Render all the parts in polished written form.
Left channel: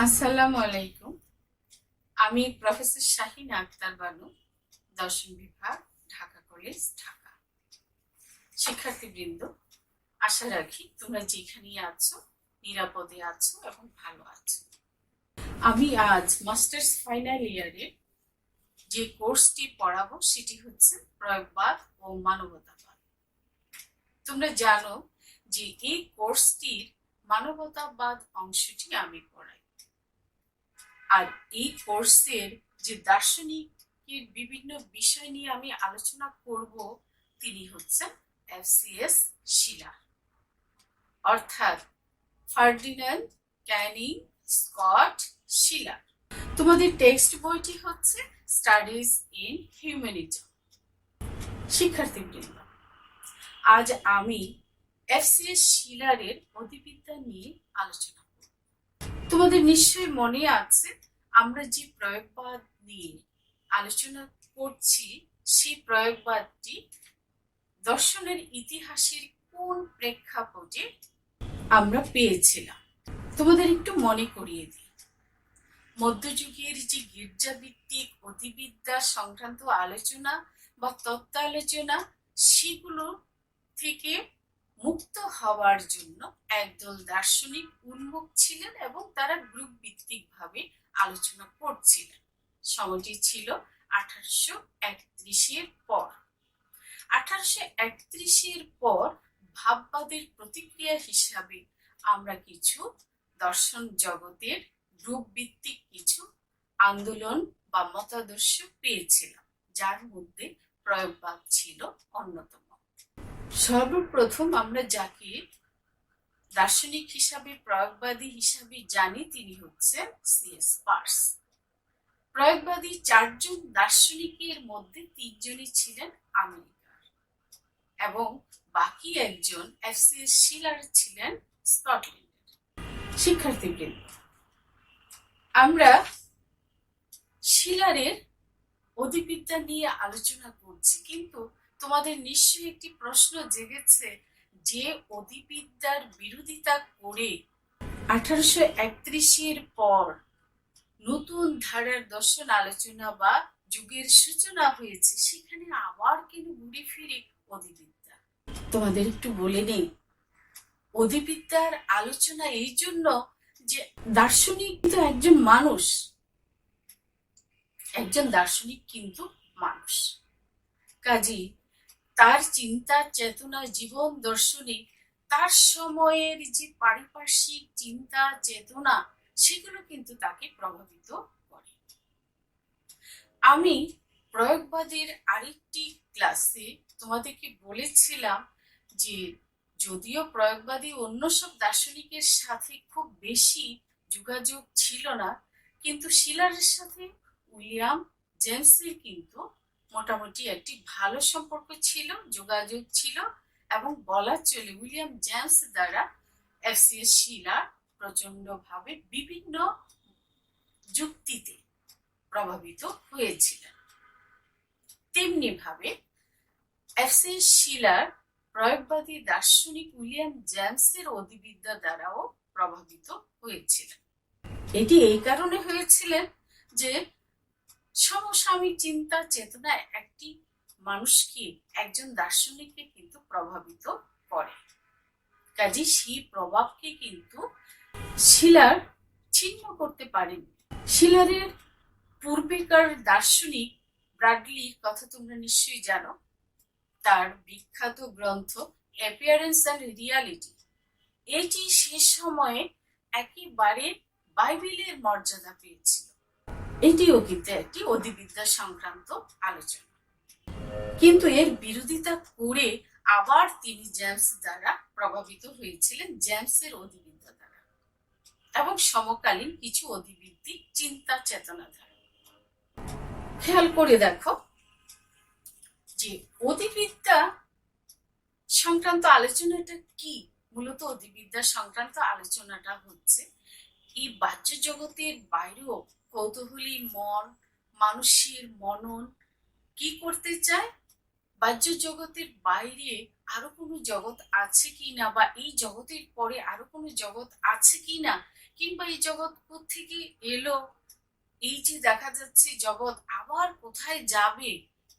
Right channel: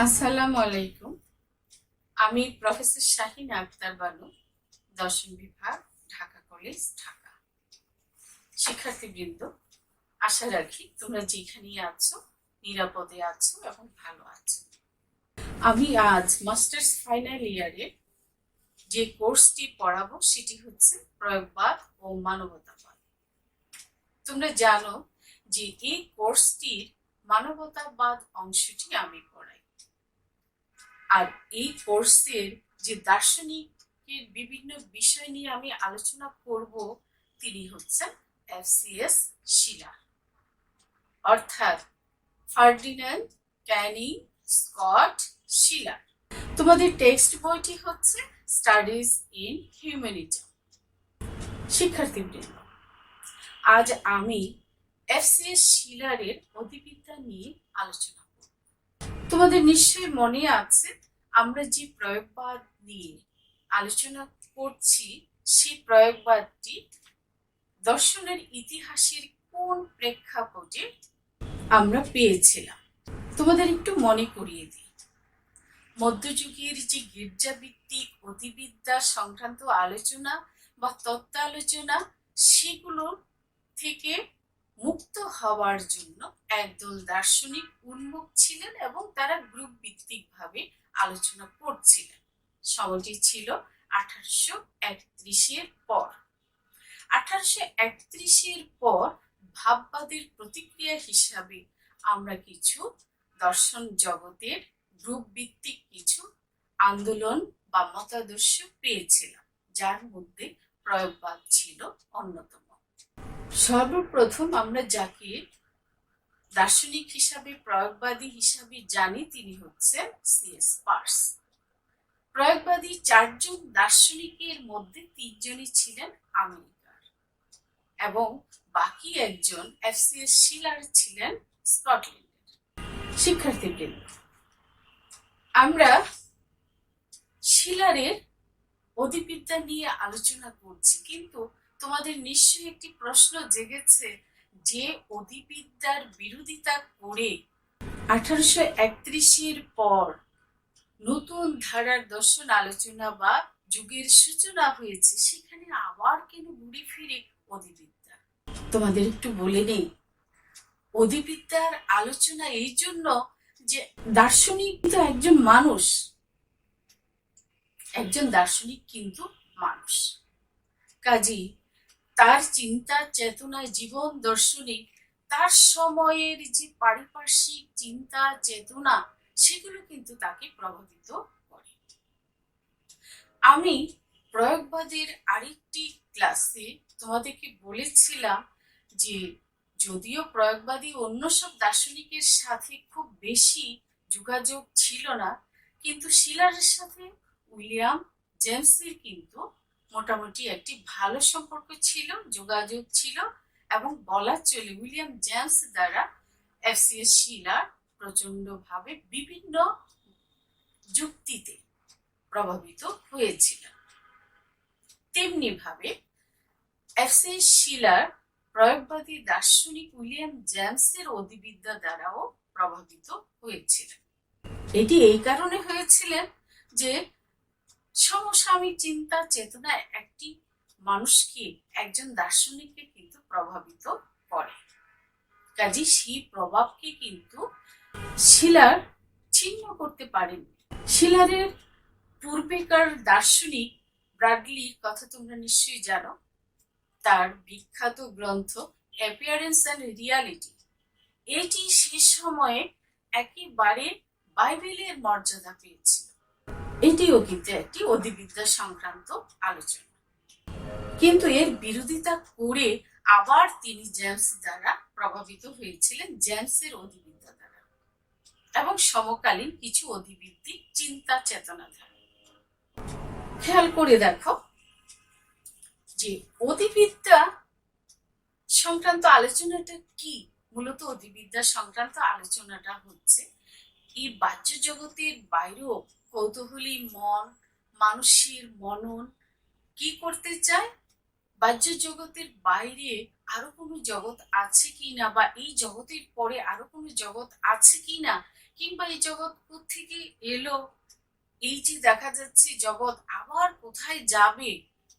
আসসালামু আলাইকুম। আমি প্রফেসর শাহিন আক্তার বানু, দর্শন বিভাগ, ঢাকা কলেজ, ঢাকা। শিক্ষার্থীবৃন্দ, আশা রাখি তোমরা যেখানেই আছো নিরাপদে আছো এবং ভালো আছো। আমি আজ মাস্টার্স ফাইনাল ইয়ারের যে কোর্সটি পড়াবো সেটি হচ্ছে প্রয়োগবাদ ও মানবতাবাদ। তোমরা জানো যে এই কোর্সটির মানবতাবাদ অংশটি আমি পড়াই। আর এই কোর্সের যে দার্শনিকের বিভিন্ন বিষয় নিয়ে আমি আলোচনা করব তিনি হচ্ছেন এফসিএস শিলার, অর্থাৎ ফার্ডিন্যান্ড ক্যানিং স্কট শিলার। তোমাদের টেক্সট বইটি হচ্ছে স্টাডিজ ইন হিউম্যানিজম। শিক্ষার্থীবৃন্দ, আজ আমি এফসিএস শিলারের অধিবিদ্যা নিয়ে আলোচনা করব। তোমাদের নিশ্চয়ই মনে আছে আমরা যে প্রয়োগবাদ নিয়ে আলোচনা করছি সেই প্রয়োগবাদটি দর্শনের ইতিহাসের কোন প্রেক্ষাপটে আমরা পেয়েছিলাম। তোমাদের একটু মনে করিয়ে দিই, মধ্যযুগের যে গির্জাভিত্তিক অধিবিদ্যা সংক্রান্ত আলোচনা বা তত্ত্ব আলোচনা, সেগুলো থেকে মুক্ত হওয়ার জন্য একদল দার্শনিক উন্মুখ ছিলেন এবং তারা গ্রুপ ভিত্তিক ভাবে আলোচনা করছিলেন। সময়টি ছিল 1831-এর পর। 1831-এর পর ভাববাদের প্রতিক্রিয়া হিসাবে আমরা কিছু দর্শন জগতের গ্রুপ ভিত্তিক কিছু আন্দোলন বা মতাদর্শ পেয়েছিলাম, যার মধ্যে প্রয়োগবাদ ছিল অন্যতম। সর্বপ্রথম আমরা যাকে দার্শনিক হিসাবে প্রয়োগবাদী হিসাবে জানি তিনি হচ্ছেন সিএস পার্স। প্রয়োগবাদী 4জন দার্শনিকের মধ্যে 3জনই ছিলেন আমেরিকার এবং বাকি একজন এফসিএস শিলার ছিলেন স্কটল্যান্ডের। শিক্ষার্থীবৃন্দ, আমরা শিলারের অধিবিদ্যা নিয়ে আলোচনা করছি, কিন্তু তোমাদের নিশ্চয়ই একটি প্রশ্ন জেগেছে যে অধিবিদ্যার বিরোধিতা করে 1831-এর পর নতুন ধারার দর্শন আলোচনা বা যুগের সূচনা হয়েছে, সেখানে আবার কেন ঘুরে ফিরে অধিবিদ্যা? তোমাদের একটু বলে নেই, অধিবিদ্যার আলোচনা এই জন্য যে দার্শনিক কিন্তু একজন মানুষ, একজন দার্শনিক কিন্তু মানুষ, কাজী তার চিন্তা চেতনা জীবন দর্শনে তার সময়ের যে পারিপার্শ্বিক চিন্তা চেতনা সেগুলো কিন্তু তাকে প্রভাবিত করে। আমি প্রয়োগবাদের আরেকটি ক্লাসে তোমাদেরকে বলেছিলাম যে যদিও প্রয়োগবাদী অন্য সব দার্শনিকের সাথে খুব বেশি যোগাযোগ ছিল না, কিন্তু শিলারের সাথে উইলিয়াম জেমসের কিন্তু মোটামুটি একটি ভালো সম্পর্ক ছিল, যোগাযোগ ছিল, এবং বলা চলে উইলিয়াম জেমস দ্বারা এফসিএস শিলার প্রচন্ডভাবে বিভিন্ন যুক্তিতে প্রভাবিত হয়েছিলেন। তেমনি ভাবে এফসিএস শিলার প্রয়োগবাদী দার্শনিক উইলিয়াম জেমসের অধিবিদ্যা দ্বারাও প্রভাবিত হয়েছিলেন। এটি এই কারণে হয়েছিলেন যে সমসাময়িক চিন্তা চেতনা একটি মানুষকে, একজন দার্শনিককে কিন্তু প্রভাবিত করে, কাজে সেই প্রভাবকে কিন্তু শিলার ছিন্ন করতে পারেন। শিলারের পূর্বেকার দার্শনিক ব্রাডলির কথা তোমরা নিশ্চয়ই জানো। তার বিখ্যাত গ্রন্থ অ্যাপিয়ারেন্স অ্যান্ড রিয়ালিটি, এটি সে সময়ে একেবারে বাইবেলের মর্যাদা পেয়েছিল। এটিও কিন্তু একটি অধিবিদ্যা সংক্রান্ত আলোচনা, কিন্তু এর বিরোধিতা করে আবার তিনি জেমস দ্বারা প্রভাবিত হয়েছিলেন, জেমসের অধিবিদ্যা দ্বারা এবং সমকালীন কিছু অধিবৃত্তিক চিন্তা চেতনা দ্বারা। খেয়াল করে দেখো যে অধিবিদ্যা সংক্রান্ত আলোচনাটা কি। মূলত অধিবিদ্যা সংক্রান্ত আলোচনাটা হচ্ছে এই বাহ্য জগতের বাইরেও কৌতূহলী মন, মানুষের মনন কি করতে চায়, বাহ্য জগতের বাইরে আরো কোনো জগৎ আছে কিনা বা এই জগতের পরে আরো কোনো জগৎ আছে কিনা, কিংবা এই জগৎ থেকে এলো, এই যে দেখা যাচ্ছে জগৎ আবার কোথায় যাবে,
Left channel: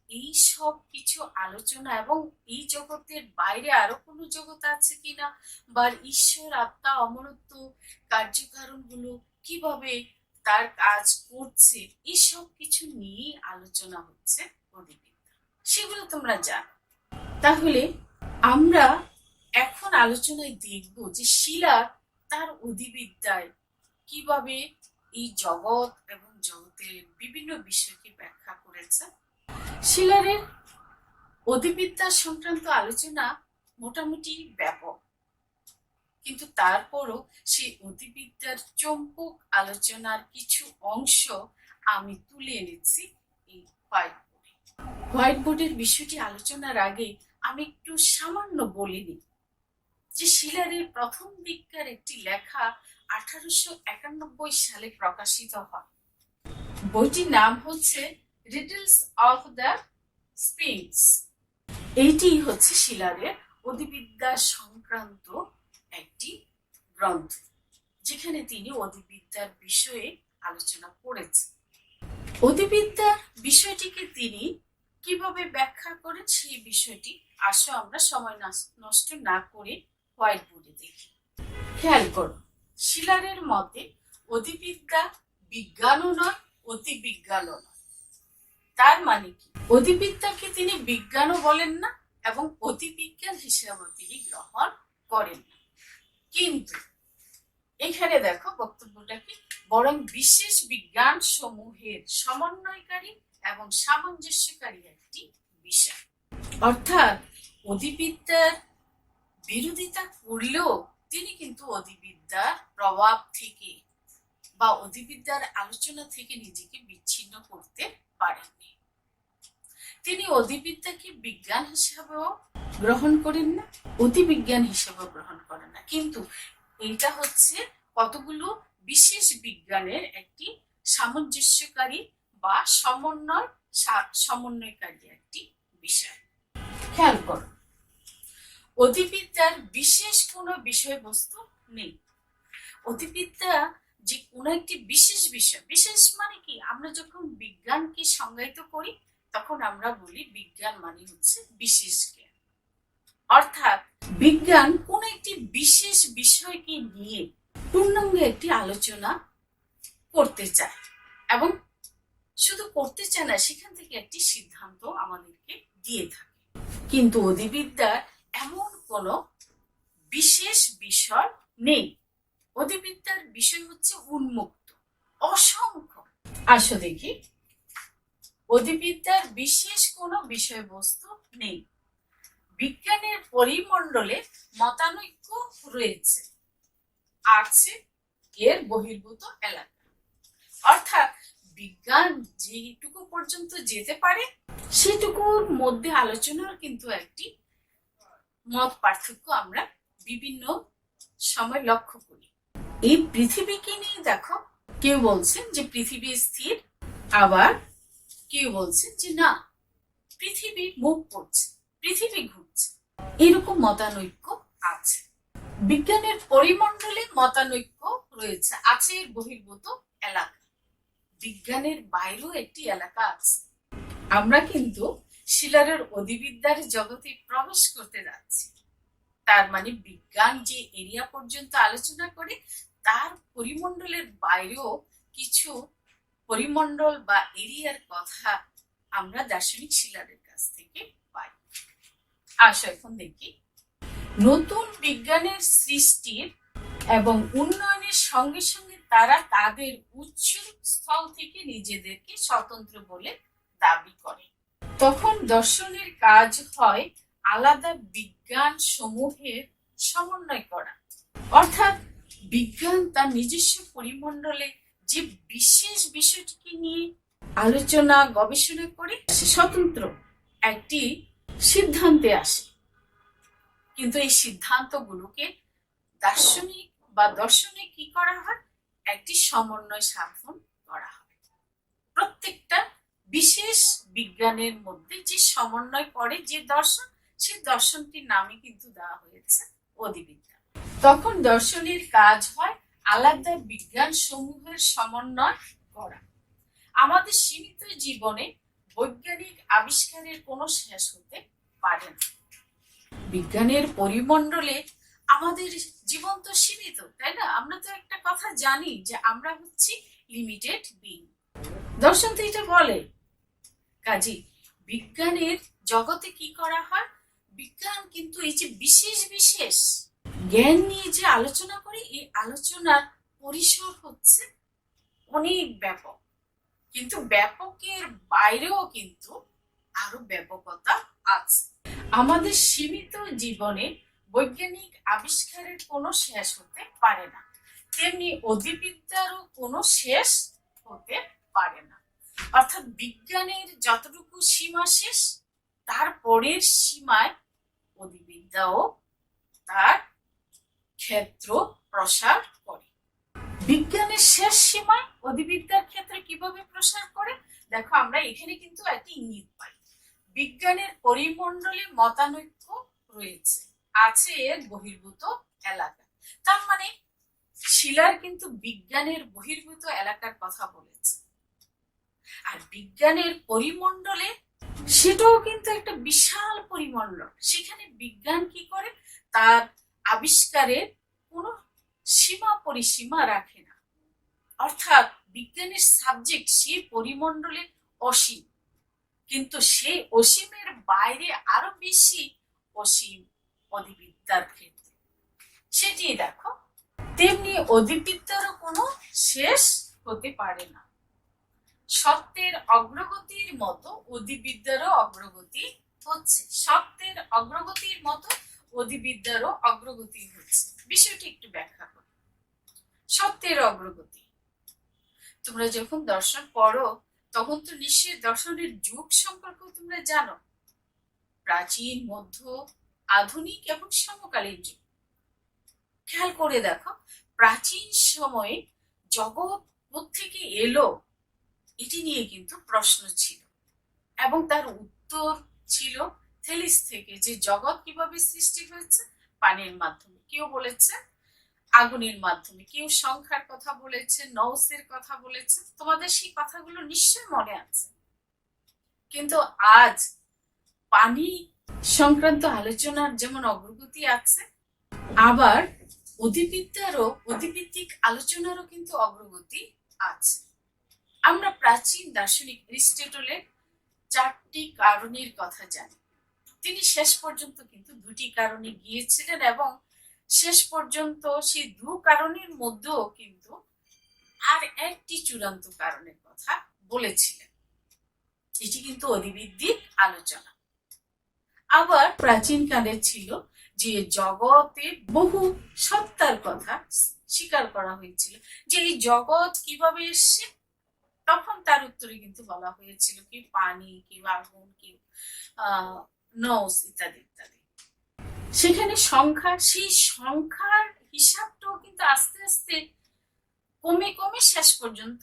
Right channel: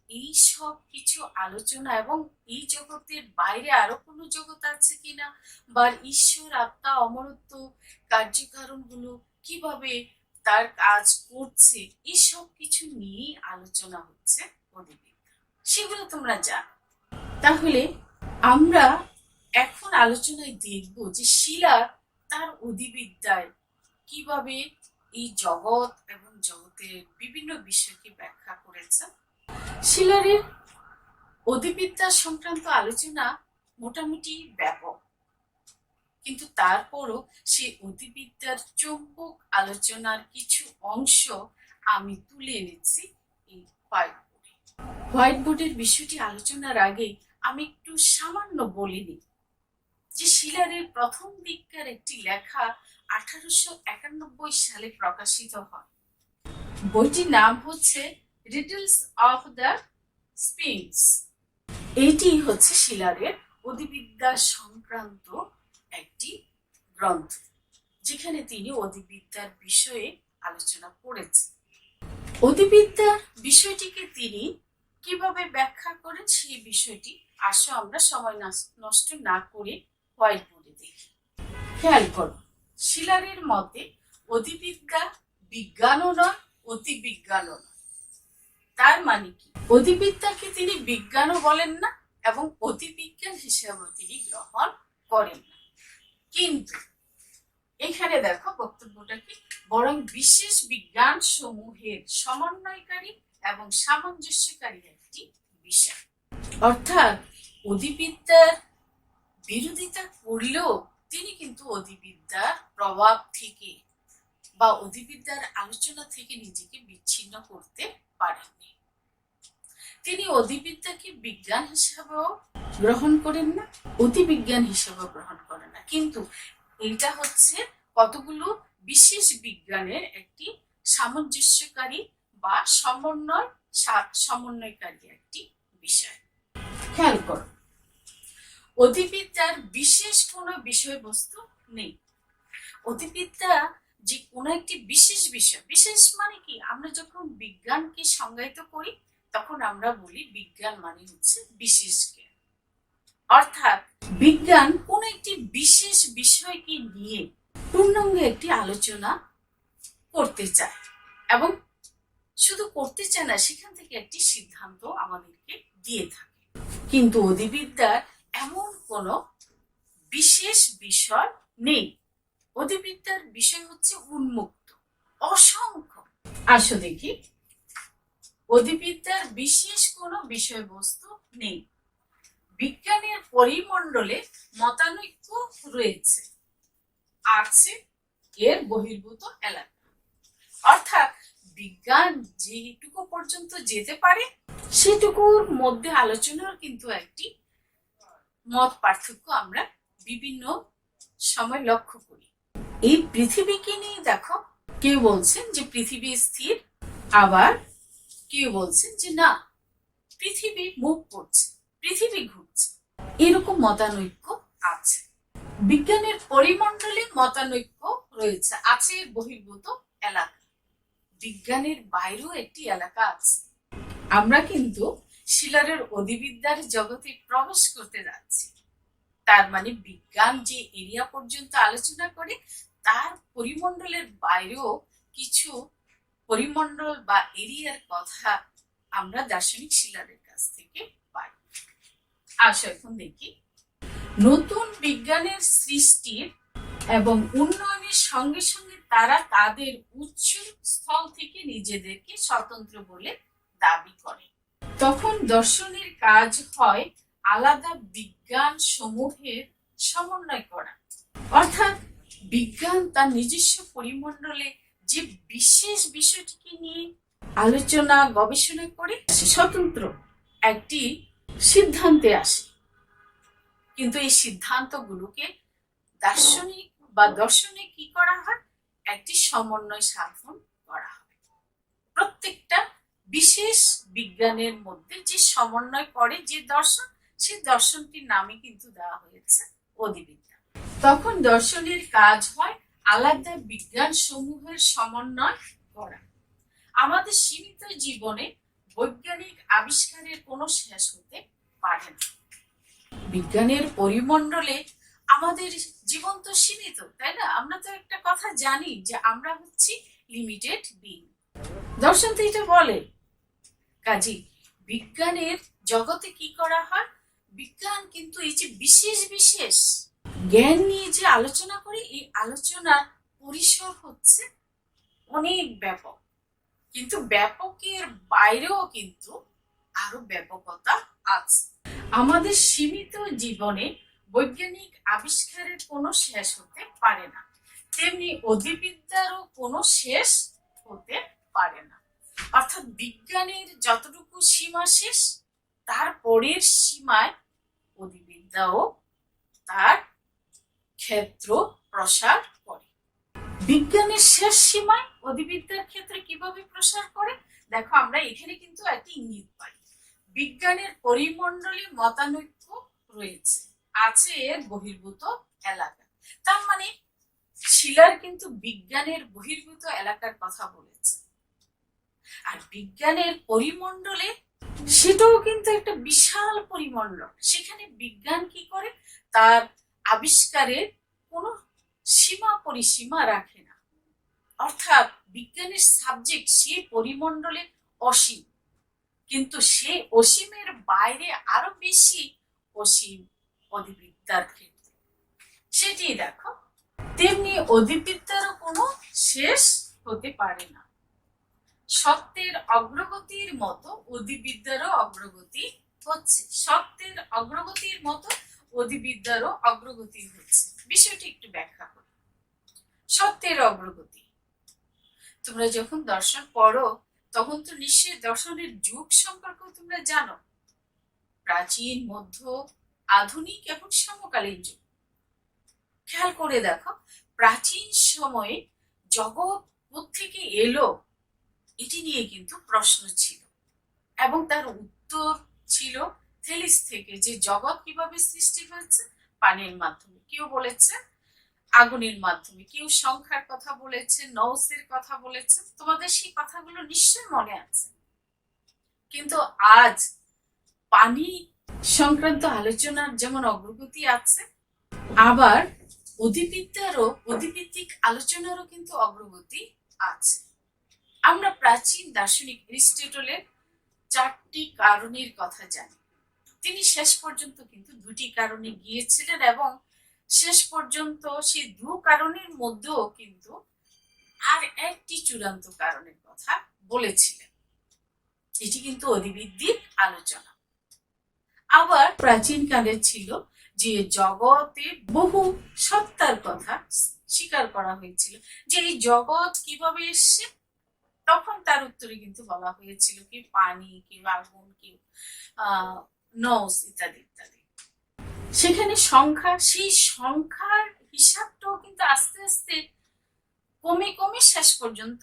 এই সব কিছু আলোচনা এবং এই জগতের বাইরে আরো কোনো জগৎ আছে কিনা, বা ঈশ্বর আত্মা অমরত্ব কার্যকারণগুলো কিভাবে তার কাজ করছে, এই সব কিছু নিয়েই আলোচনা হচ্ছে অধিবিদ্যা। সেগুলো তোমরা জানো। তাহলে আমরা এখন আলোচনায় দেখব যে শিলার তার অধিবিদ্যায় কিভাবে এই জগৎ এবং জগতের বিভিন্ন বিষয়কে ব্যাখ্যা করেছে। শিলারের অধিবিদ্যা সংক্রান্ত আলোচনা মোটামুটি ব্যাপক, কিন্তু তারপরও সেই অধিবিদ্যার চম্পক আলোচনার কিছু অংশ আমি তুলে এনেছি এই হোয়াইট বোর্ডে। হোয়াইট বোর্ডের বিষয়টি আলোচনার আগে আমি একটু সামান্য বলিনি যে শিলারের প্রথম দিককার একটি লেখা 1891 সালে প্রকাশিত হয়। বইটির নাম হচ্ছে রিডলস অফ দ্য স্পিংস। এইটি হচ্ছে শিলারের অধিবিদ্যা সংক্রান্ত একটি গ্রন্থ, যেখানে তিনি অধিবিদ্যার বিষয়ে আলোচনা করেছেন। অধিবিদ্যার বিষয়টিকে তিনি কিভাবে ব্যাখ্যা করেন সেই বিষয়টি আসো আমরা সময় নষ্ট না করে হোয়াইট বোর্ডে দেখি। খেয়াল করো, শিলারের মতে অধিবিদ্যা বিজ্ঞানও নয়, অতিবিজ্ঞানও নয়। তার মানে কি, অধিবিদ্যাকে তিনি বিজ্ঞানও বলেন না এবং অতিবিজ্ঞান হিসেবেও তিনি গ্রহণ করেন না। কিন্তু এখানে দেখো বক্তব্যটা কি, বরং বিশেষ বিজ্ঞান সমূহের সমন্বয়কারী এবং সামঞ্জস্যকারী একটি বিষয়। অর্থাৎ অধিবিদ্যার বিরোধিতা করলেও তিনি কিন্তু অধিবিদ্যার প্রভাব থেকে বা অধিবিদ্যার আলোচনা থেকে নিজেকে বিচ্ছিন্ন করতে পারেননি। তিনি অধিবিদ্যাকে বিজ্ঞান হিসাবেও গ্রহণ করেন না, অতিবিজ্ঞান হিসাবেও গ্রহণ করেন না, কিন্তু এটা হচ্ছে কতগুলো বিশেষ বিজ্ঞানের একটি সামঞ্জস্যকারী বা সমন্বয়কারী একটি বিষয়। খেয়াল করো, অধিবিদ্যার বিশেষ কোনো বিষয়বস্তু নেই। অধিবিদ্যা যে কোনো একটি বিশেষ বিষয়, বিশেষ মানে কি, আমরা যখন বিজ্ঞানকে সংজ্ঞায়িত করি তখন আমরা বলি বিজ্ঞান মানে হচ্ছে বিশেষ জ্ঞান। অর্থাৎ বিজ্ঞান কোন একটি বিশেষ বিষয়কে নিয়ে পূর্ণাঙ্গ একটি আলোচনা করতে চায় এবং শুধু করতে চায় না, সেখান থেকে একটি সিদ্ধান্ত আমাদেরকে দিয়ে থাকে। কিন্তু অধিবিদ্যার এমন কোন বিশেষ বিষয় নেই। অধিবিদ্যার বিষয় হচ্ছে উন্মুক্ত, অসংখ্য। আসো দেখি, অধিবিদ্যার বিশেষ কোনো বিষয়বস্তু নেই। বিজ্ঞানের পরিমণ্ডলে মতানৈক্য রয়েছে, আছে এর বহির্ভূত এলাকা। অর্থাৎ বিজ্ঞান যেটুকু পর্যন্ত যেতে পারে সেটুকুর মধ্যে আলোচনার কিন্তু একটি মত পার্থক্য আমরা বিভিন্ন সময় লক্ষ্য করি। এই পৃথিবীকে নিয়ে দেখো, কেউ বলছেন যে পৃথিবী স্থির, আবার কেউ বলছেন যে না, পৃথিবী মুভ করছে, পৃথিবী ঘুরছে। এরকম মতানৈক্য আছে। বিজ্ঞানের পরিমণ্ডলে মতানৈক্য রয়েছে, আছে এর বহির্ভূত এলাকা। বিজ্ঞানের বাইরেও একটি এলাকা আছে। আমরা কিন্তু শিলারের অধিবিদ্যার জগতে প্রবেশ করতে যাচ্ছি। তার মানে বিজ্ঞান যে এরিয়া পর্যন্ত আলোচনা করে তার পরিমণ্ডলের বাইরেও কিছু পরিমণ্ডল বা এরিয়ার কথা আমরা দার্শনিক শিলারের কাছ থেকে পাই। আসো এখন দেখি, নতুন বিজ্ঞানের সৃষ্টির এবং উন্নয়নের সঙ্গে সঙ্গে তারা তাদের উচ্চ স্থল থেকে নিজেদেরকে স্বতন্ত্র বলে দাবি করে। তখন দর্শনের কাজ হয় আলাদা বিজ্ঞান সমূহের সমন্বয় করা। অর্থাৎ বিজ্ঞান তার নিজস্ব পরিমণ্ডলে যে বিশেষ বিষয়টিকে নিয়ে আলোচনা গবেষণা করে স্বতন্ত্র একটি সিদ্ধান্তে আসে, কিন্তু এই সিদ্ধান্তগুলোকে দার্শনিক বা দর্শনে কি করা হয়, একটি সমন্বয় সাধন করা হয়। প্রত্যেকটা বিশেষ বিজ্ঞানের মধ্যে যে সমন্বয় করে যে দর্শন, সেই দর্শনটির নামই কিন্তু দেওয়া হয়েছে অধিবিদ্যা। তখন দর্শনের কাজ হয় আলাদা বিজ্ঞান সমূহের সমন্বয় করা। আমাদের সীমিত জীবনে বৈজ্ঞানিক আবিষ্কারের কোনো শেষ হতে পারে না। বিজ্ঞানের পরিমণ্ডলে আমাদের জীবন তো সীমিত, তাই না? আমরা তো একটা কথা জানি যে আমরা হচ্ছি লিমিটেড বিং। দর্শন তো এটা বলে। কাজী বিজ্ঞানের জগতে কি করা হয়? বিজ্ঞান কিন্তু এই যে বিশেষ বিশেষ জ্ঞান নিয়ে যে আলোচনা করে, এই আলোচনার পরিসর হচ্ছে অনেক ব্যাপক, কিন্তু ব্যাপকের বাইরেও কিন্তু আরো ব্যাপকতা আছে। আমাদের সীমিত জীবনে বৈজ্ঞানিক আবিষ্কারের কোনো শেষ হতে পারে না, তেমনি অধিবিদ্যারও কোনো শেষ হতে পারে না। অর্থাৎ বিজ্ঞানের যতটুকু সীমা শেষ, তারপরের সীমায় অধিবিদ্যাও তার ক্ষেত্র প্রসার করে। বিজ্ঞানের শেষ সীমায় অধিবিদ্যার ক্ষেত্রে কিভাবে প্রসার করে? দেখো, আমরা এখানে কিন্তু একটা ইঙ্গিত পাই। বিজ্ঞানের পরিমণ্ডলে মতানৈক্য রয়েছে, আছে এর বহির্ভূত এলাকা। তার মানে শিলার কিন্তু বিজ্ঞানের বহির্ভূত এলাকার কথা বলেছে। আর বিজ্ঞানের পরিমণ্ডলে সেটাও কিন্তু একটা বিশাল পরিমণ্ডল। সেখানে বিজ্ঞান কি করে? তার আবিষ্কারের কোনো সীমা পরিসীমা রাখে না। অর্থাৎ বিজ্ঞানের সাবজেক্ট সে পরিমণ্ডলে অসীম, কিন্তু সে অসীমের বাইরে আরো বেশি অসীম অধিবিদ্যার ক্ষেত্রে। সেটি দেখো, তেমনি অধিবিদ্যারও কোনো শেষ হতে পারে না। সত্যের অগ্রগতির মতো অধিবিদ্যারও অগ্রগতি হচ্ছে। সত্যের অগ্রগতির মতো অধিবিদ্যারও অগ্রগতি হচ্ছে। বিষয়টি একটু ব্যাখ্যা করি। সত্যের অগ্রগতি, তোমরা যখন দর্শন পড়ো তখন তো নিশ্চয়ই দর্শনের যুগ সম্পর্কেও তোমরা জানো। প্রাচীন, মধ্য, আধুনিক এবং সমকালীন যুগ। খেয়াল করে দেখো, প্রাচীন সময়ে জগৎ কোত্থেকে এলো এটি নিয়ে কিন্তু প্রশ্ন ছিল, এবং তার উত্তর ছিল থেলিস থেকে, যে জগৎ কিভাবে সৃষ্টি হয়েছে। পানির মাধ্যমে, কেউ বলেছে আগুনের মাধ্যমে, কেউ সংখ্যার কথা বলেছে, নৌসের কথা বলেছে। তোমাদের সেই কথাগুলো নিশ্চয় মনে আছে। কিন্তু আজ পানি সংক্রান্ত আলোচনার যেমন অগ্রগতি আছে, আবার অধিভিত্তিক আলোচনারও কিন্তু অগ্রগতি আছে। আমরা প্রাচীন দার্শনিক এরিস্টটলের 4টি কারণের কথা জানি। তিনি শেষ পর্যন্ত কিন্তু 2টি কারণে গিয়েছিলেন, এবং শেষ পর্যন্ত সেই 2 কারণের মধ্যেও কিন্তু আর একটি চূড়ান্ত কারণের কথা বলেছিলেন। এটি কিন্তু অধিভিত্তিক আলোচনা। আবার প্রাচীন কালে ছিল যে জগতে বহু সত্তার কথা স্বীকার করা হয়েছিল, যে এই জগৎ কিভাবে এসছে। তখন তার উত্তরে কিন্তু বলা হয়েছিল কি পানি, কি আগুন, কি নৌস ইত্যাদি ইত্যাদি। সেখানে সংখ্যা, সেই সংখ্যার হিসাবটাও কিন্তু আস্তে আস্তে কমে কমে শেষ পর্যন্ত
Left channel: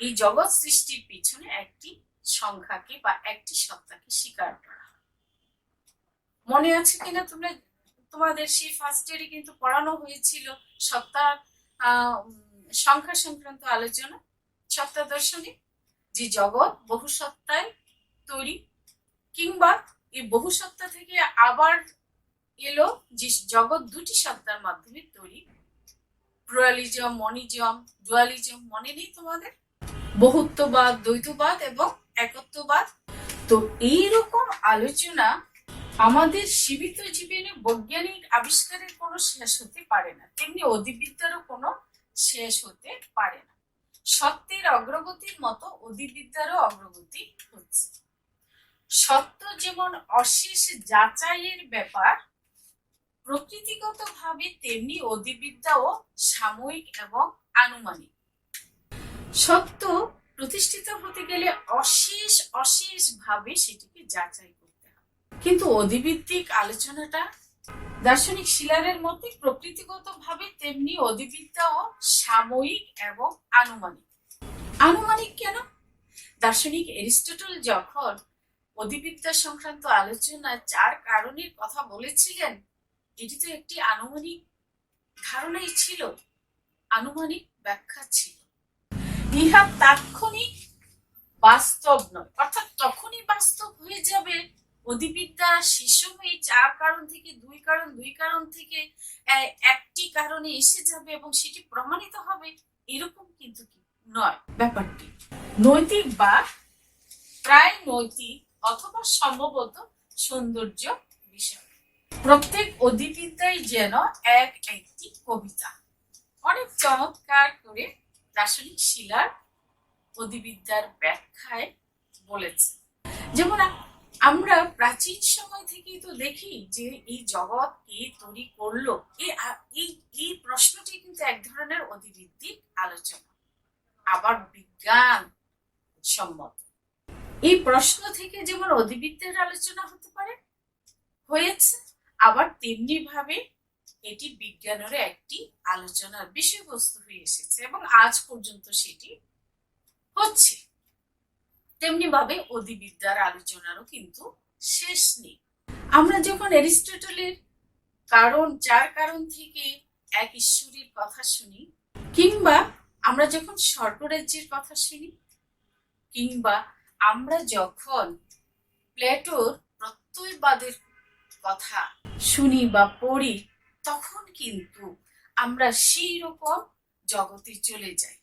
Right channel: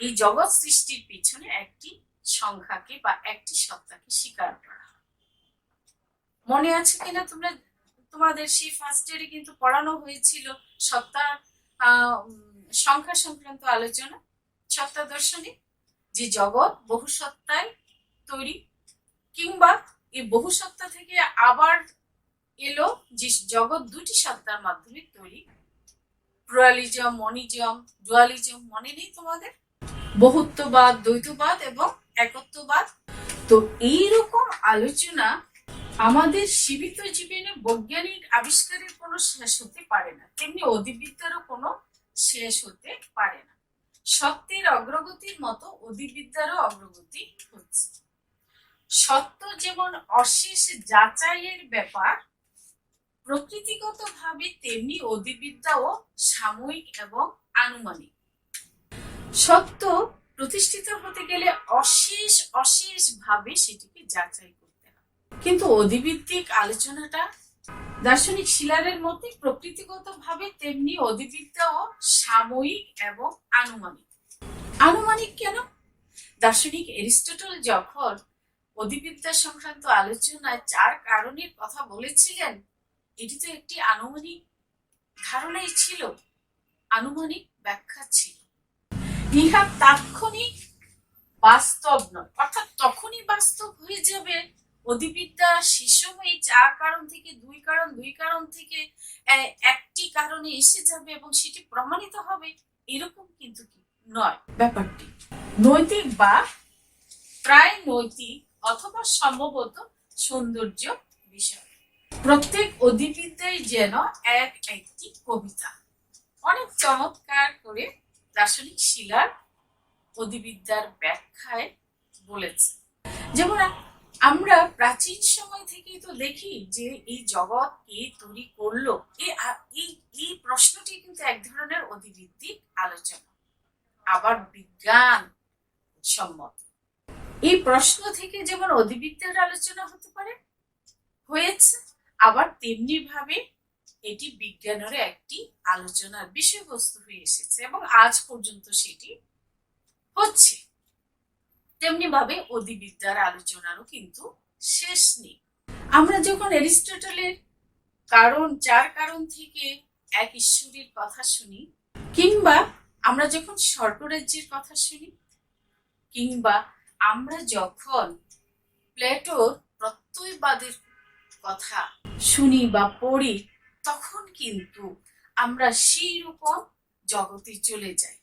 এই জগৎ সৃষ্টির পিছনে একটি সংখ্যাকে বা একটি সত্তাকে স্বীকার করা হয়। মনে আছে কিনা তোমরা, তোমাদের সেই ফার্স্ট ইয়ারে কিন্তু পড়ানো হয়েছিল সত্তার সংখ্যা সংক্রান্ত আলোচনা, সত্তা দর্শনে, যে জগৎ বহু সত্তায় তৈরি, কিংবা এই বহু সত্তা থেকে আবার এলো যে জগৎ 2টি সত্তার মাধ্যমে তৈরি। প্লুরালিজম, মনিজম, ডুয়ালিজম মনে নেই তোমাদের? বহুত্ববাদ, দ্বৈতবাদ এবং একত্ববাদ। তো এইরকম আলোচনা আমাদের সীমিত জীবনে বৈজ্ঞানিক আবিষ্কারের কোনো শেষ হতে পারে না, তেমনি অধিবিদ্যারও কোনো শেষ হতে পারে না। সত্যের অগ্রগতির মতো অধিবিদ্যারও অগ্রগতি হচ্ছে। সত্য যেমন অশেষ যাচাইয়ের ব্যাপার প্রকৃতিগতভাবে, তেমনি অধিবিদ্যাও সাময়িক এবং আনুমানিক। সত্য প্রতিষ্ঠিত হতে গেলে অশেষ ভাবে সেটিকে যাচাই করতে হয়। কিন্তু অধিভিত্তিক আলোচনাটা দার্শনিক শিলারের মতে প্রকৃতিগতভাবে, তেমনি অধিবিদ্যাও সাময়িক এবং আনুমানিক। আনুমানিক কেন? দার্শনিক এরিস্টটল যখন অধিবিদ্যা সংক্রান্ত আলোচনায় 4 কারণের কথা বলেছিলেন, এটি তো একটি আনুমানিক ধারণাই ছিল। আনুমানিক ব্যাখ্যা ছিল। ইহা তাৎক্ষণিক বাস্তব নয়, অর্থাৎ তখনই বাস্তব হয়ে যাবে অধিবিদ্যা সেই সময় চার কারণ থেকে দুই কারণ থেকে একটি কারণে এসে যাবে এবং সেটি প্রমাণিত হবে, এরকম কিন্তু নয় ব্যাপারটি। নৈতিক বা প্রায় নৈতিক অথবা সম্ভবত সৌন্দর্য বিষয়। প্রত্যেক অধিবিদ্যাই যেন একটি কবিতা। অনেক চমৎকার করে দার্শনিক শিলার অধিবিদ্যার ব্যাখ্যায় বলেছে। যেমন আমরা প্রাচীন সময় থেকেই তো দেখি যে এই জগৎ কে তৈরি করলো, এই প্রশ্নটি কিন্তু এক ধরনের অধিভিত্তিক আলোচনা, আবার বিজ্ঞান সম্মত। এই প্রশ্ন থেকে যেমন অধিবিদ্যার আলোচনা হতে পারে, হয়েছে, আবার তেমনি ভাবে এটি বিজ্ঞানের একটি আলোচনার বিষয়বস্তু হয়ে এসেছে এবং আজ পর্যন্ত সেটি হচ্ছে। তেমনি ভাবে অধিবিদ্যার আলোচনারও কিন্তু শেষ নেই। আমরা যখন অ্যারিস্টটলের চার কারণ থেকে এক ঈশ্বরের কথা শুনি, কিংবা আমরা যখন স্বর্গরাজ্যের কথা শুনি, কিংবা আমরা যখন প্লেটোর প্রত্যয়বাদের কথা শুনি বা পড়ি, তখন কিন্তু আমরা সেই রকম জগতে চলে যাই,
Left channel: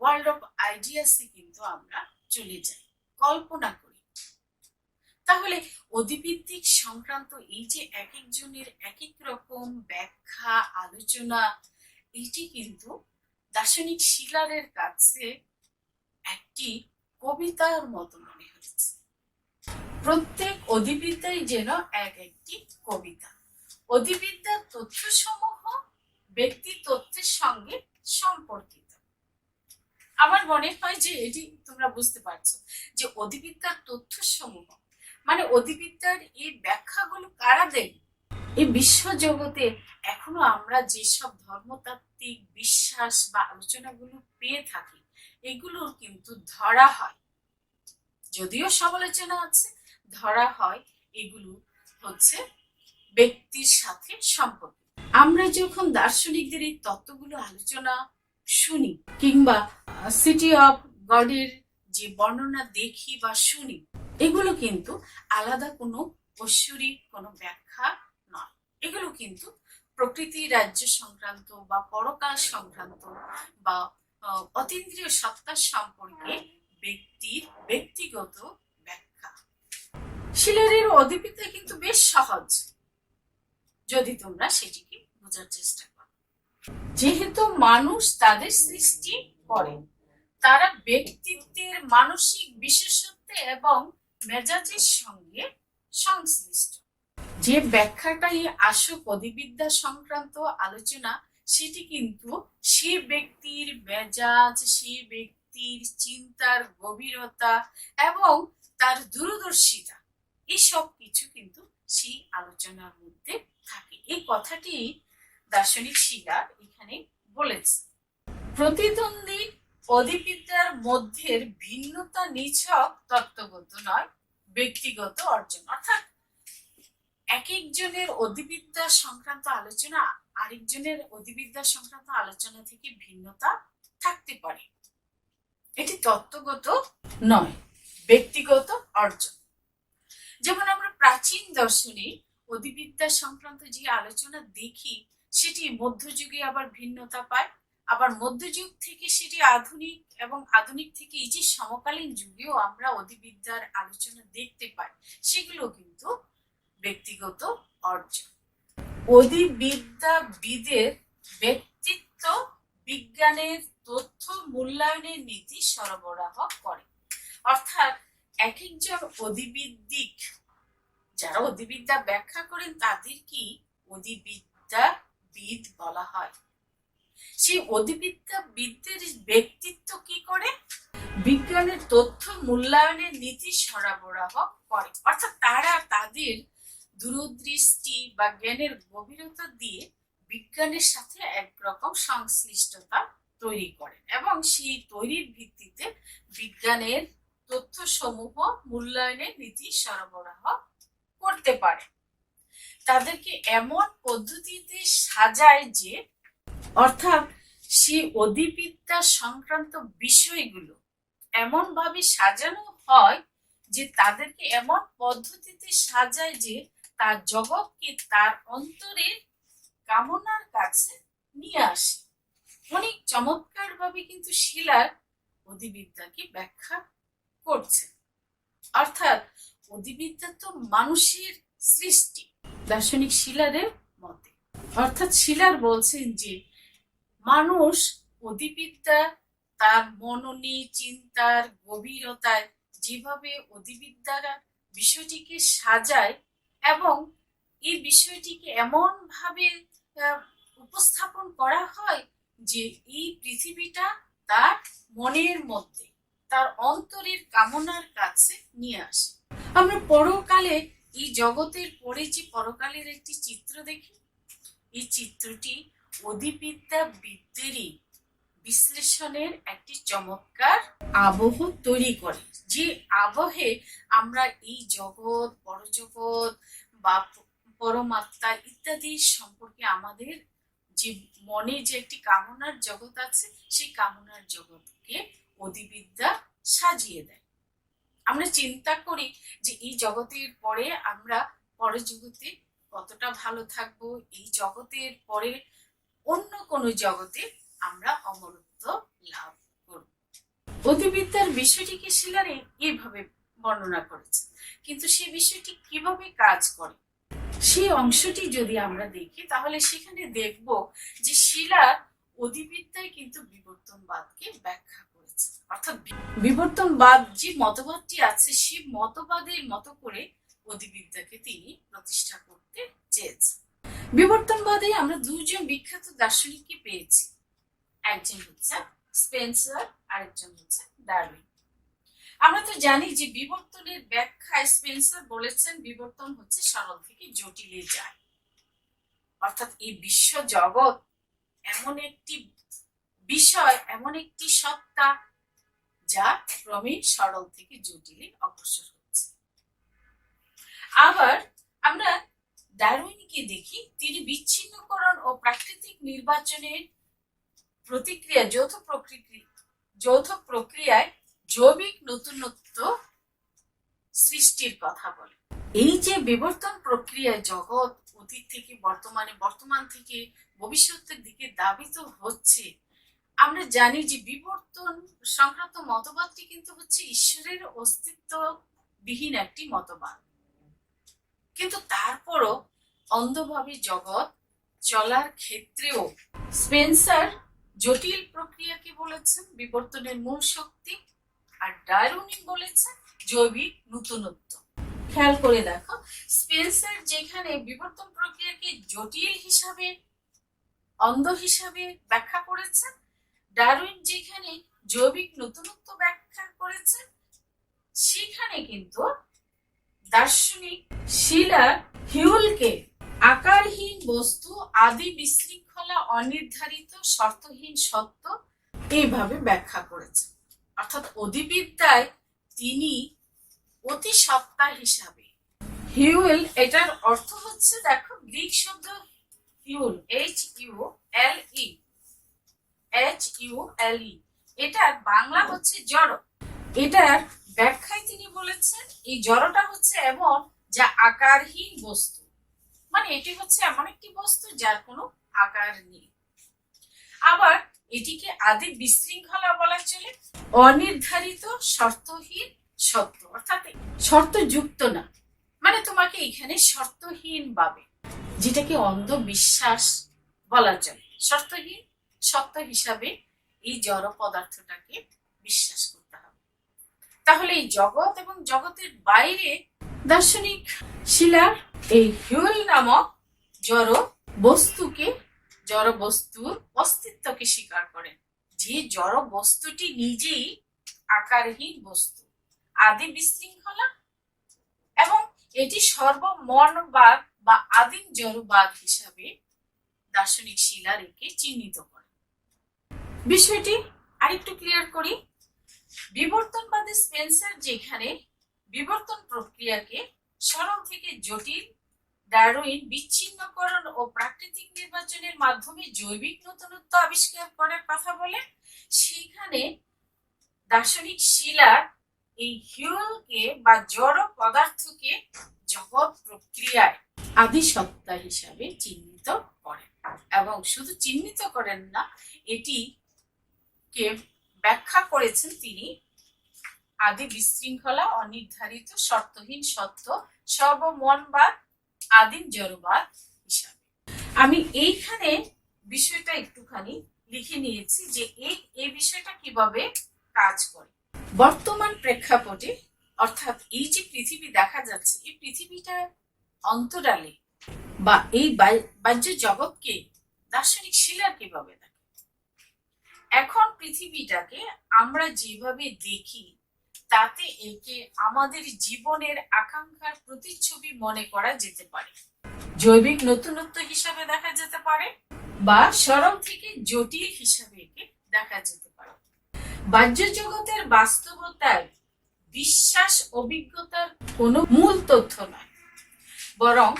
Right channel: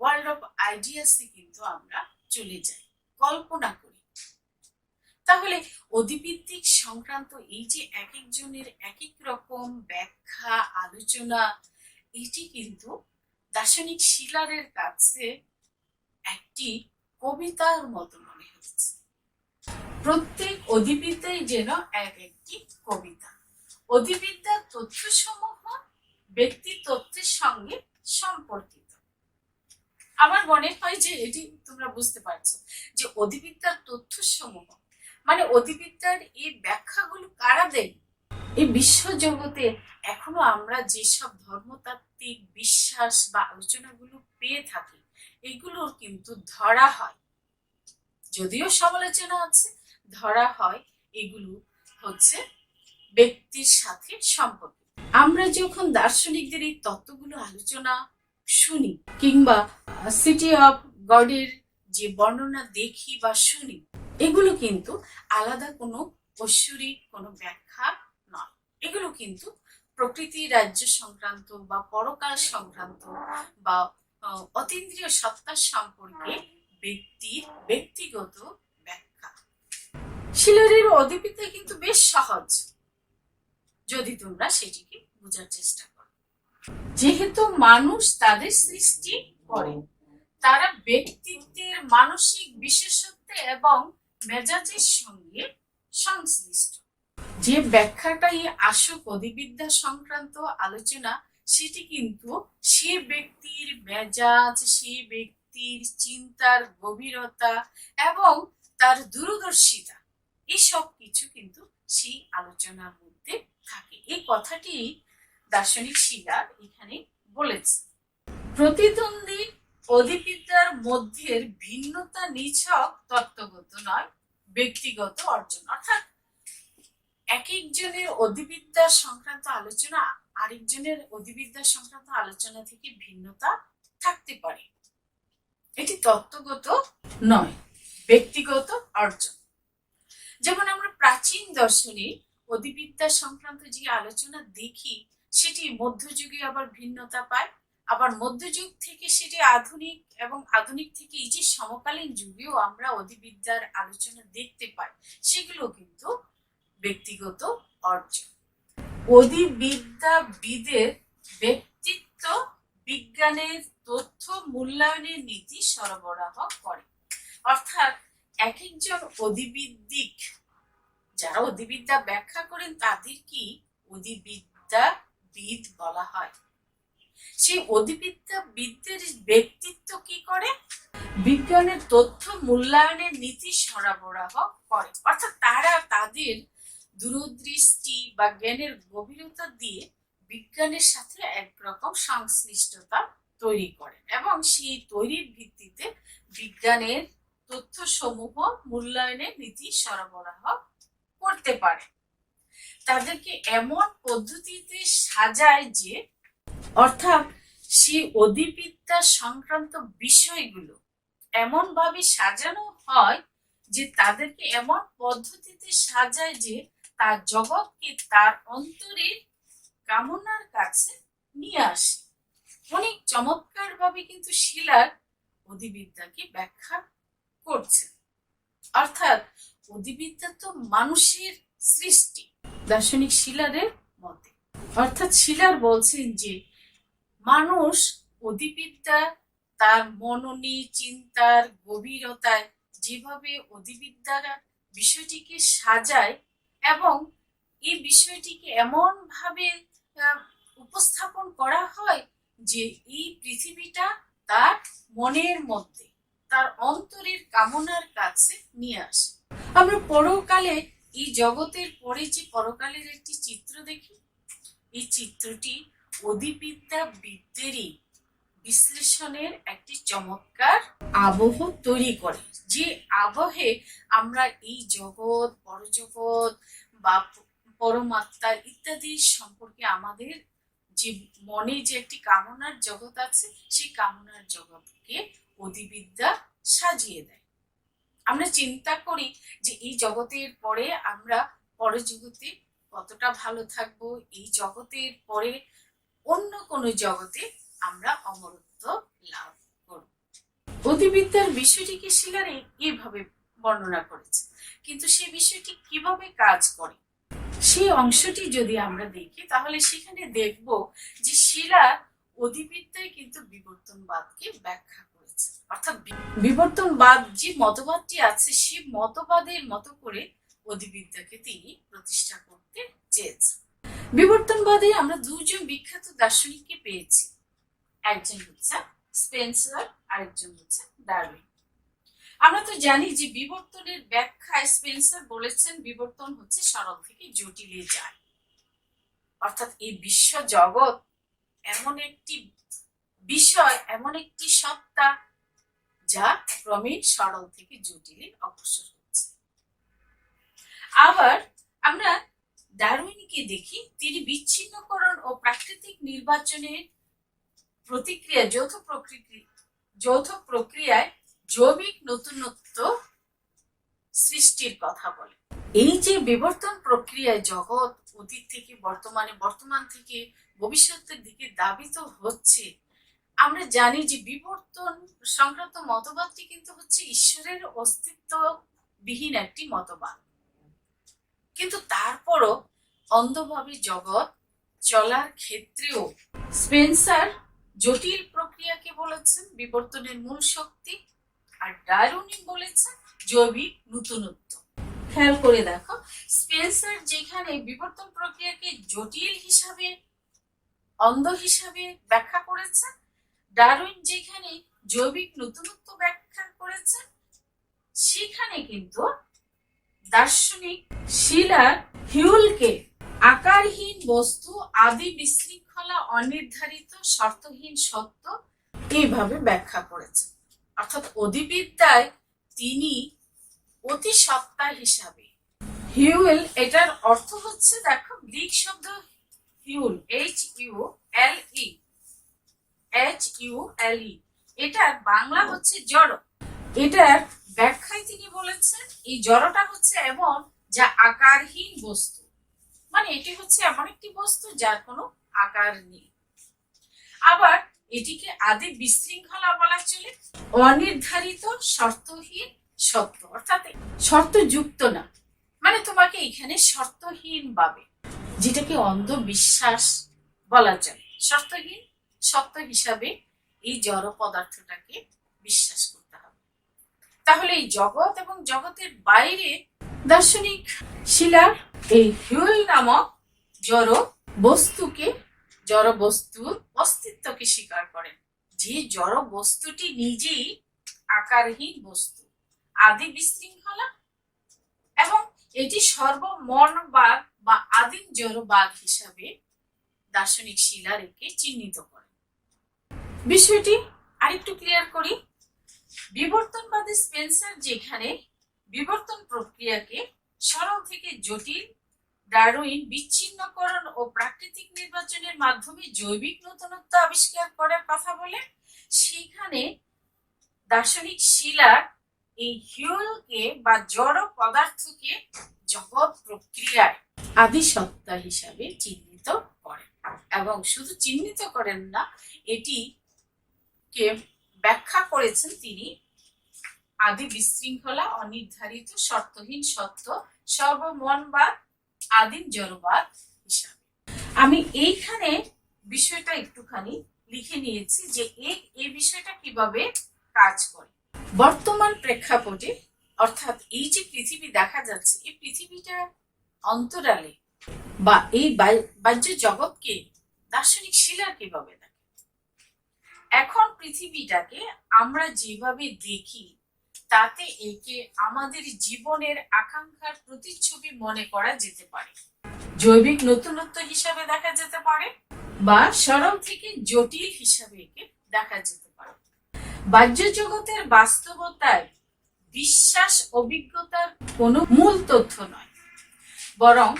ওয়ার্ল্ড অফ আইডিয়াসে কিন্তু আমরা চলে যাই, কল্পনা করি। তাহলে অধিভিত্তিক সংক্রান্ত এই যে এক একজনের এক এক রকম ব্যাখ্যা আলোচনা, এটি কিন্তু দার্শনিক শিলারের কাছে একটি কবিতার মতো মনে হচ্ছে। প্রত্যেক অধিবিদ্যাই যেন একটি কবিতা। অধিবিদ্যার তথ্যসমূহ ব্যক্তি তথ্যের সঙ্গে সম্পর্কিত। আমার মনে হয় যে এটি তোমরা বুঝতে পারছো যে অধিবিদ্যার তথ্যসমূহ মানে অধিবিদ্যার এই ব্যাখ্যাগুলো কারা দেন। এই বিশ্ব জগতে এখনো আমরা যেসব ধর্মতাত্ত্বিক বিশ্বাস বা আলোচনাগুলো পেয়ে থাকি, এগুলোর কিন্তু ধরা হয়, যদিও সমালোচনা আছে, ধরা হয় এগুলো হচ্ছে ব্যক্তির সাথে সম্পর্ক। আমরা যখন দার্শনিকদের এই তত্ত্বগুলো আলোচনা শুনি, কিংবা সিটি অফ গডের যে বর্ণনা দেখি বা শুনি, এগুলো কিন্তু আলাদা কোনো ঐশ্বরিক কোনো ব্যাখ্যা নয়। এগুলো কিন্তু প্রকৃতি রাজ্য সংক্রান্ত বা পরকাল সংক্রান্ত বা অতীন্দ্রিয় সত্তা সম্পর্কে ব্যক্তির ব্যক্তিগত ব্যাখ্যা। শিলারের অধিবিদ্যা কিন্তু বেশ সহজ, যদি তোমরা সেটিকে বোঝার চেষ্টা করো। যেহেতু মানুষ তাদের সৃষ্টি করে, তারা ব্যক্তিত্বের মানসিক বিশেষত্ব এবং মেজাজের সঙ্গে সংশ্লিষ্ট। যে ব্যাখ্যাটাই আসুক অধিবিদ্যা সংক্রান্ত আলোচনা, সেটি কিন্তু সে ব্যক্তির মেজাজ, সে ব্যক্তির চিন্তার গভীরতা এবং তার দূরদর্শিতা, এসব কিছু কিন্তু সেই আলোচনার মধ্যে থাকে। এই কথাটি দার্শনিক শিলার এখানে বলেছে। প্রতিদ্বন্দ্বী অধিবিদ্যার মধ্যে ভিন্নতা নিছক তত্ত্বগত নয়, ব্যক্তিগত অর্জন। অর্থাৎ এক একজনের অধিবিদ্যা সংক্রান্ত আলোচনা আরেকজনের অধিবিদ্যা সংক্রান্ত আলোচনা থেকে ভিন্নতা থাকতে পারে, এটি তত্ত্বগত নয়, ব্যক্তিগত অর্জন। যেমন আমরা প্রাচীন দর্শনে অধিবিদ্যা সংক্রান্ত যে আলোচনা দেখি, সেটি মধ্যযুগে আবার ভিন্নতা পায়, আবার মধ্যযুগ থেকে সেটি আধুনিক, এবং আধুনিক থেকে এই যে সমকালীন যুগেও আমরা অধিবিদ্যার আলোচনা দেখতে পাই, সেগুলো কিন্তু ব্যক্তিগত অর্জন। অধিবিদ্যাবিদের ব্যক্তিত্ব বিজ্ঞানের তথ্য মূল্যায়নের নীতি সরবরাহ করে। অর্থাৎ এক একজন অধিবিদ্যিক যারা অধিবিদ্যা ব্যাখ্যা করেন, তাদেরকে অধিবিদ্যাবিদ বলা হয়। সেই অধিবিদ্যাবিদদের ব্যক্তিত্ব কি করে? বিজ্ঞানের তথ্য মূল্যায়নের নীতি সরবরাহ করে। অর্থাৎ তারা তাদের দূরদৃষ্টি বা জ্ঞানের গভীরতা দিয়ে বিজ্ঞানের সাথে একরকম সংশ্লিষ্টতা তৈরি করে এবং সেই তৈরির ভিত্তিতে বিজ্ঞানের তথ্যসমূহ মূল্যায়নের নীতি সরবরাহ করতে পারে। তাদেরকে এমন পদ্ধতিতে সাজায় যে, অর্থাৎ সেই অধিবিদ্যা সংক্রান্ত বিষয়গুলো এমন ভাবে সাজানো হয় যে তাদেরকে এমন পদ্ধতিতে সাজায় যে তার জগৎকে তার অন্তরের কামনার কাছে নিয়ে আসে। অনেক চমৎকার ভাবে কিন্তু শিলার অধিবিদ্যাকে ব্যাখ্যা করছে। অর্থাৎ অধিবিদ্যা তো মানুষের সৃষ্টি দার্শনিক শিলারের মতে। অর্থাৎ শিলার বলছেন যে মানুষ অধিবিদ্যা তার মননী চিন্তার গভীরতায় যেভাবে অধিবিদ্যার বিষয়টিকে সাজায় এবং এই বিষয়টিকে এমন ভাবে উপস্থাপন করা হয় যে এই পৃথিবীটা তার মনের মধ্যে তার অন্তরের কামনার কাছে নিয়ে আসে। আমরা পরকালে এই জগতের পরে যে পরকালের একটি চিত্র দেখি, এই চিত্রটি অধিবিদ্যাবিদদেরই বিশ্লেষণের একটি চমৎকার আবহ তৈরি করে, যে আবহে আমরা এই জগৎ পরজগৎ বা পরমাত্মা ইত্যাদি সম্পর্কে আমাদের যে মনে যে একটি কামনার জগৎ আছে সেই কামনার জগৎকে অধিবিদ্যা সাজিয়ে দেয়। আমরা চিন্তা করি যে এই জগতের পরে আমরা পরজগতে কতটা ভালো থাকবো, এই জগতের পরে অন্য কোনো জগতে আমরা অমরত্ব লাভ করব। অধিবিদ্যার বিষয়টিকে শিলার এইভাবে বর্ণনা করেছে, কিন্তু সে বিষয়টি কিভাবে কাজ করে সেই অংশটি যদি আমরা দেখি তাহলে সেখানে দেখব যে শিলা অধিবিদ্যায় কিন্তু বিবর্তনবাদকে ব্যাখ্যা করেছে। অর্থাৎ বিবর্তনবাদ যে মতবাদটি আছে সেই মতবাদের মতো করে অধিবিদ্যাকে তিনি প্রতিষ্ঠা করতে চেয়েছেন। বিবর্তনবাদে আমরা দুজন বিখ্যাত দার্শনিককে পেয়েছি, একজন হচ্ছে স্পেন্সার, আরেকজন হচ্ছে ডারউইন। আমরা তো জানি যে বিবর্তনের ব্যাখ্যায় স্পেন্সার বলেছেন বিবর্তন হচ্ছে সরল থেকে জটিলে যায়। অর্থাৎ এই বিশ্ব জগৎ এমন একটি বিষয়, এমন একটি সত্তা যা ক্রমে সরল থেকে জটিলে অগ্রসর হচ্ছে। আবার আমরা ডারউইনকে দেখি, তিনি বিচ্ছিন্নকরণ ও প্রাকৃতিক নির্বাচনের প্রতিক্রিয়া যৌথ প্রক্রিয়ায় জৈবিক নতুনত্ব সৃষ্টির কথা বলে। এই যে বিবর্তন প্রক্রিয়ায় জগৎ অতীত থেকে বর্তমানে, বর্তমান থেকে ভবিষ্যতের দিকে ধাবিত হচ্ছে, আমরা জানি যে বিবর্তন সংক্রান্ত মতবাদটি কিন্তু হচ্ছে ঈশ্বরের অস্তিত্ববিহীন একটি মতবাদ। কিন্তু তারপরও অন্ধভাবে জগৎ চলার ক্ষেত্রেও স্পেন্সার জটিল প্রক্রিয়াকে বলেছেন বিবর্তনের মূল শক্তি, আর ডারউইন বলেছেন জৈবিক নতুনত্ব। খেয়াল করে দেখো, স্পেন্সার যেখানে বিবর্তন প্রক্রিয়াকে জটিল হিসাবে, অন্ধ হিসাবে ব্যাখ্যা করেছেন, ডারউইন যেখানে জৈবিক নতুনত্ব ব্যাখ্যা করেছেন, সেখানে কিন্তু দার্শনিক শিলার হিউলকে আকারহীন বস্তু, আদি বিশৃঙ্খলা, অনির্ধারিত শর্তহীন সত্য এইভাবে ব্যাখ্যা করেছেন। অর্থাৎ অধিবিদ্যায় তিনি অতি সত্তা হিসাবে, হিউল এটার অর্থ হচ্ছে, দেখো গ্রিক শব্দ হিউল HULE, এটার বাংলা হচ্ছে জড়। এটার ব্যাখ্যায় তিনি বলেছেন এই জড়টা হচ্ছে এমন যা আকারহীন বস্তু, মানে এটি হচ্ছে এমন একটি বস্তু যার কোনো আকার নেই। আবার এটিকে আদি বিশৃঙ্খলা বলা চলে, অনির্ধারিত শর্তহীন সত্য, অর্থাৎ শর্তযুক্ত না, মানে তোমাকে এখানে শর্তহীন ভাবে, যেটাকে অন্ধবিশ্বাস বলা চলে, শর্তহীন সত্য হিসাবে এই জড় পদার্থটাকে বিশ্বাস করতে হবে। তাহলে এই জগৎ এবং জগতের বাইরে দার্শনিক শিলার এই হিউল নামক জড় বস্তুকে, জড় বস্তুর অস্তিত্বকে স্বীকার করেন, যে জড় বস্তুটি নিজেই আকারহীন বস্তু, আদি বিশৃঙ্খলা, এবং এটি সর্বমর্মবাদ বা আদিম জড়বাদ হিসাবে দার্শনিক শিলার একে চিহ্নিত করেন। বিষয়টি আরেকটু ক্লিয়ার করি। বিবর্তনবাদী স্পেন্সার যেখানে বিবর্তন প্রক্রিয়াকে সরল থেকে জটিল, ডারউইন বিচ্ছিন্নকরণ ও প্রাকৃতিক নির্বাচনের মাধ্যমে জৈবিক নতুনত্ব আবিষ্কার করার কথা বলে, সেখানে দার্শনিক শিলার এই হিউলকে বা জড় পদার্থকে জগৎ প্রক্রিয়ায় আদি সত্তা হিসাবে চিহ্নিত করেন, এবং শুধু চিহ্নিত করেন না, এটিকে ব্যাখ্যা করেছেন তিনি আদি বিশৃঙ্খলা, অনির্ধারিত শর্তহীন সত্য, সর্বমনবাদ, আদিম জড়বাদ হিসাবে। আমি এইখানে বিষয়টা একটুখানি লিখে নিয়েছি যে এই বিষয়টা কিভাবে কাজ করে। বর্তমান প্রেক্ষাপটে, অর্থাৎ এই যে পৃথিবী দেখা যাচ্ছে, এই পৃথিবীটা অন্তরালে বা এই বাহ্য জগৎকে দার্শনিক শিলার কিভাবে দেখে। এখন পৃথিবীটাকে আমরা যেভাবে দেখি, তাতে একে আমাদের জীবনের আকাঙ্ক্ষার প্রতিচ্ছবি মনে করা যেতে পারে, জৈবিক নতুনত্ব হিসাবে দেখা যেতে পারে, বা সরল থেকে জটিল হিসাবে একে দেখা যেতে পারে। বাহ্য জগতের বাস্তবতায় বিশ্বাস অভিজ্ঞতার কোনো মূল তথ্য নয়, বরং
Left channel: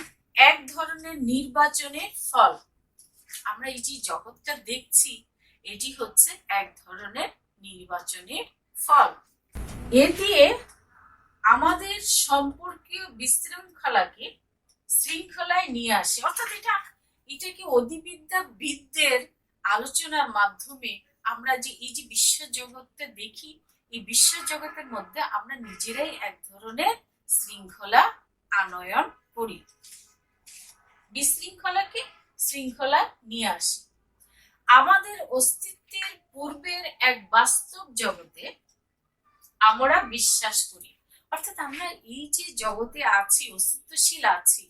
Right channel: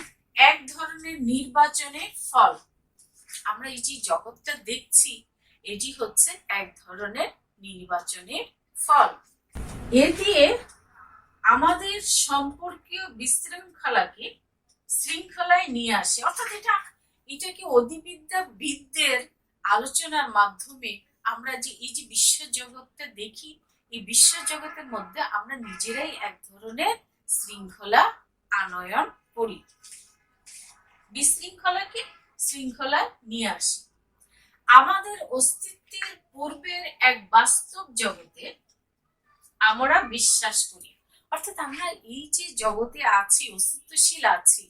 এক ধরনের নির্বাচনের ফল। আমরা এই যে জগৎটা দেখছি, এটি হচ্ছে এক ধরনের নির্বাচনের ফল। এ দিয়ে আমাদের সম্পর্কীয় বিশৃঙ্খলাকে শৃঙ্খলায় নিয়ে আসে, অর্থাৎ এটাকে অধিবিদ্যাবিদদের আলোচনার মাধ্যমে আমরা যে এই যে বিশ্ব জগৎটা দেখি, এই বিশ্ব জগতের মধ্যে আমরা নিজেরাই এক ধরনের শৃঙ্খলা আনয়ন করি, বিশৃঙ্খলাকে শৃঙ্খলায় নিয়ে আসি। আমাদের অস্তিত্বের পূর্বের এক বাস্তব জগতে আমরা বিশ্বাস করি, অর্থাৎ আমরা এই যে জগতে আছি, অস্তিত্বশীল আছি,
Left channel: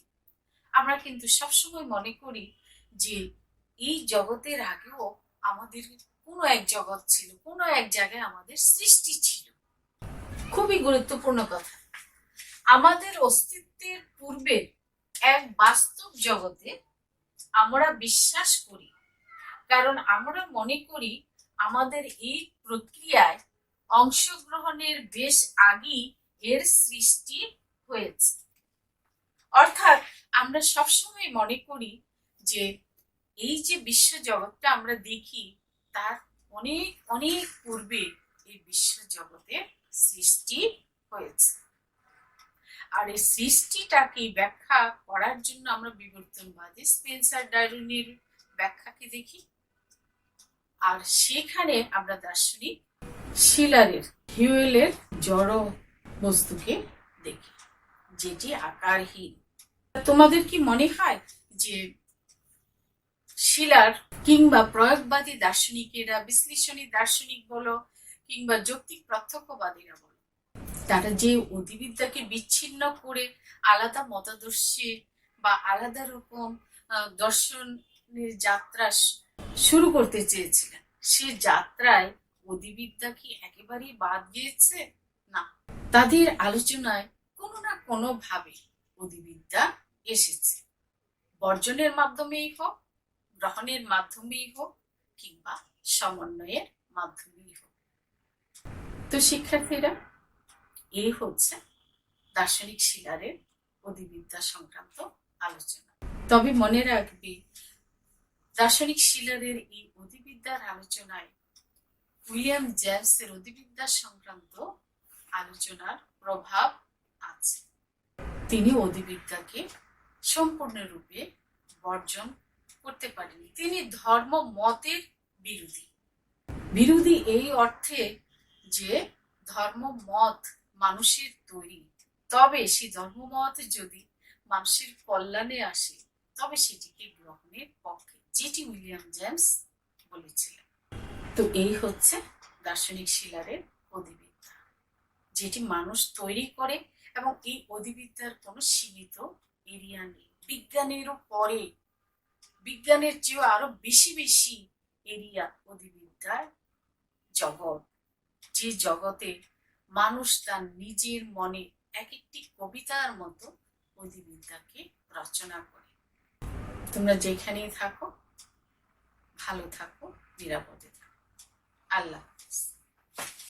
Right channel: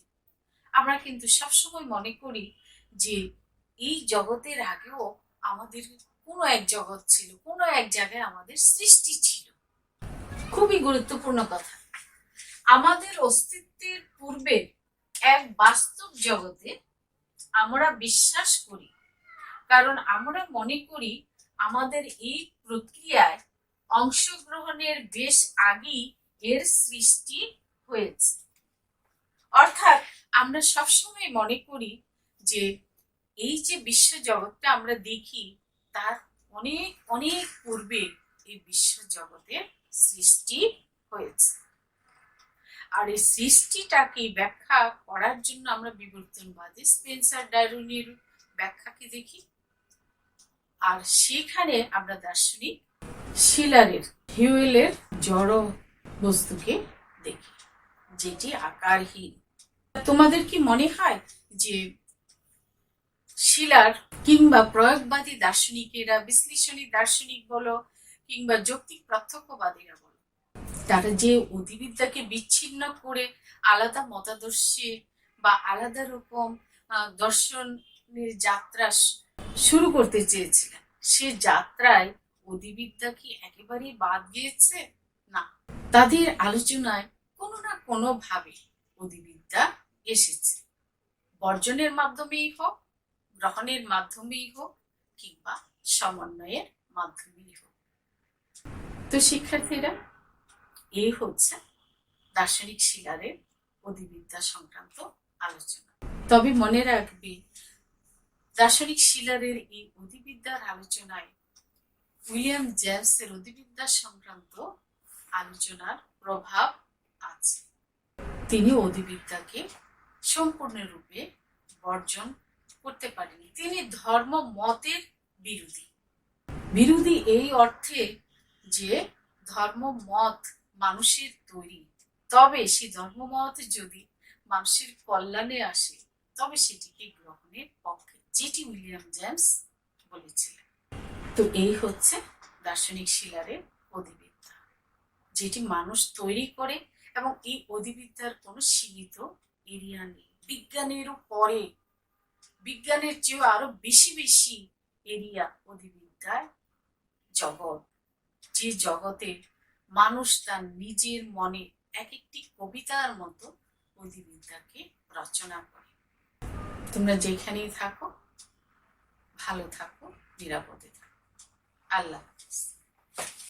আমরা কিন্তু সবসময় মনে করি যে এই জগতের আগেও আমাদের কোনো এক জগৎ ছিল, কোনো এক জায়গায় আমাদের সৃষ্টি ছিল। খুবই গুরুত্বপূর্ণ কথা। আমাদের অস্তিত্বের পূর্বের এক বাস্তব জগতে আমরা বিশ্বাস করি, কারণ আমরা মনে করি আমাদের এই প্রক্রিয়ায় অংশগ্রহণের বেশ আগেই এর সৃষ্টি হয়েছে। অর্থাৎ আমরা সবসময় মনে করি যে এই যে বিশ্ব জগৎটা আমরা দেখি, তার অনেক অনেক পূর্বে এই বিশ্ব জগতের সৃষ্টি হয়েছে। আর এই সৃষ্টিটাকে ব্যাখ্যা করার জন্য আমরা বিবর্তনবাদী স্পেন্সার ডারউইনের ব্যাখ্যাকে দেখি, আর সেখানে আমরা দার্শনিক শিলারের হিউয়েলের জড় বস্তুকে দেখি, যেটি আকারহীন। তোমাদের কি মনে হয় যে শিলার কিংবা প্রয়োগবাদী দার্শনিকেরা, বিশ্লেষণী দার্শনিক বলো কিংবা যৌক্তিক প্রত্যক্ষবাদীরা বলো, তারা যে অধিবিদ্যাকে বিচ্ছিন্ন করে আলাদা মতাদর্শে বা আলাদা রকম দর্শনের যাত্রা শুরু করতে চেয়েছিলেন, সে যাত্রায় অধিবিদ্যা কি একেবারেই বাদ গিয়েছে? না, তাদের আলোচনায় কোনো না কোনো ভাবে অধিবিদ্যা এসেছে, বর্জনের মাধ্যমেই হোক, গ্রহণের মাধ্যমেই হোক, কিংবা সমন্বয়ের মাধ্যমেই হোক। তো শিক্ষার্থীরা, এই হচ্ছে দার্শনিক শিলারের অধিবিদ্যা সংক্রান্ত আলোচনা। তবে মনে রাখবে, দার্শনিক শিলারের এই অধিবিদ্যার আলোচনায় উইলিয়াম জেমসের অধিবিদ্যা সংক্রান্ত আলোচনার প্রভাব আছে। তিনি অধিবিদ্যাকে সম্পূর্ণরূপে বর্জন করতে পারেনি। তিনি ধর্ম মতের বিরোধী এই অর্থে যে ধর্ম মত মানুষের তৈরি, তবে সেই ধর্মমত যদি মানুষের কল্যাণে আসে, তবে সেটিকে গ্রহণের পক্ষে, যেটি উইলিয়াম জেমস বলেছিলেন। তো এই হচ্ছে দার্শনিক শিলারের অধিবিদ্যা, যেটি মানুষ তৈরি করে, এবং এই অধিবিদ্যার কোনো সীমিত এরিয়া নেই। বিজ্ঞানেরও পরে, বিজ্ঞানের চেয়েও আরো বেশি বেশি এরিয়া অধিবিদ্যার জগৎ, যে জগতে মানুষ তার নিজের মনে এক একটি কবিতার মতো অধিবিদ্যাকে রচনা করে। তোমরা যেখানেই থাকো, ভালো থাকো, নিরাপদে থাকো। আল্লাহ হাফেজ।